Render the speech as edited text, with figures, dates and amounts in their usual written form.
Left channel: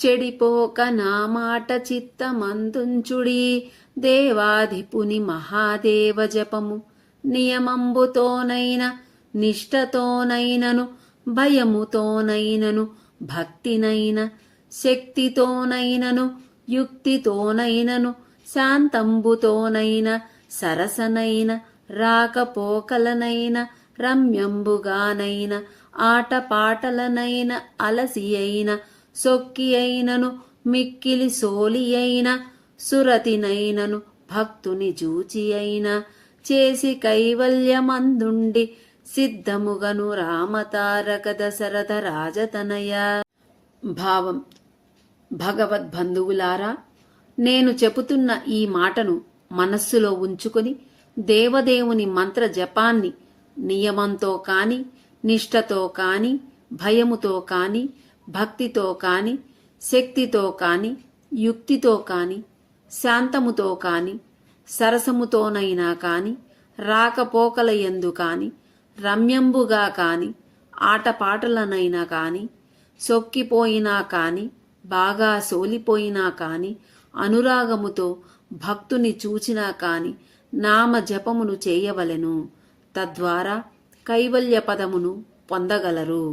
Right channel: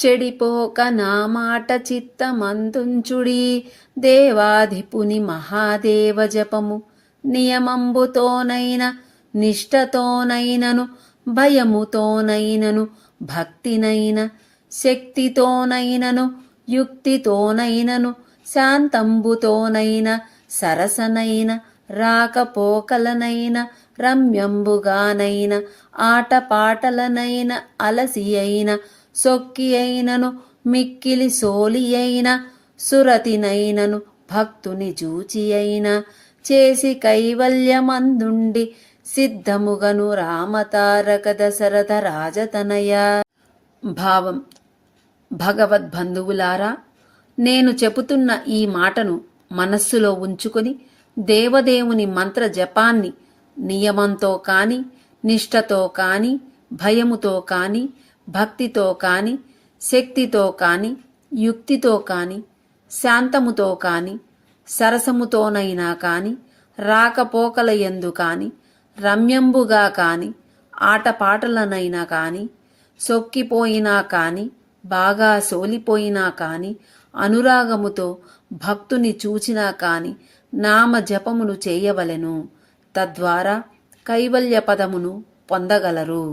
చెడిపోక నా మాట చిత్తమందుంచుడి దేవాధిపుని మహాదేవ జపము నియమంబుతోనైన నిష్టతోనైనను భయముతోనైనను భక్తినైన శక్తితోనైనను యుక్తితోనైనను శాంతంబుతోనైన సరసనైన రాకపోకలనైన రమ్యంబుగానైన ఆటపాటలనైన అలసి అయిన సొక్కి అయినను మిక్కిలి సోలి అయిన సురతినైనను భక్తుని జూచి అయిన చేసి కైవల్యమందుండి సిద్ధముగను రామతారక దశరథ రాజతనయ. భావం: భగవద్బంధువులారా, నేను చెబుతున్న ఈ మాటను మనస్సులో ఉంచుకొని దేవదేవుని మంత్ర జపాన్ని నియమంతో కాని, నిష్టతో కాని, భయముతో కాని, భక్తితో కాని, శక్తితో కాని, యుక్తితో కాని, శాంతముతో కాని, సరసముతోనైనా కాని, రాకపోకలయందు కాని, రమ్యంబుగా కాని, ఆటపాటలనైనా కాని, సొక్కిపోయినా కాని, బాగా సోలిపోయినా కాని, అనురాగముతో భక్తుని చూచినా కాని నామ జపమును చేయవలెను. తద్వారా కైవల్య పదమును పొందగలరు.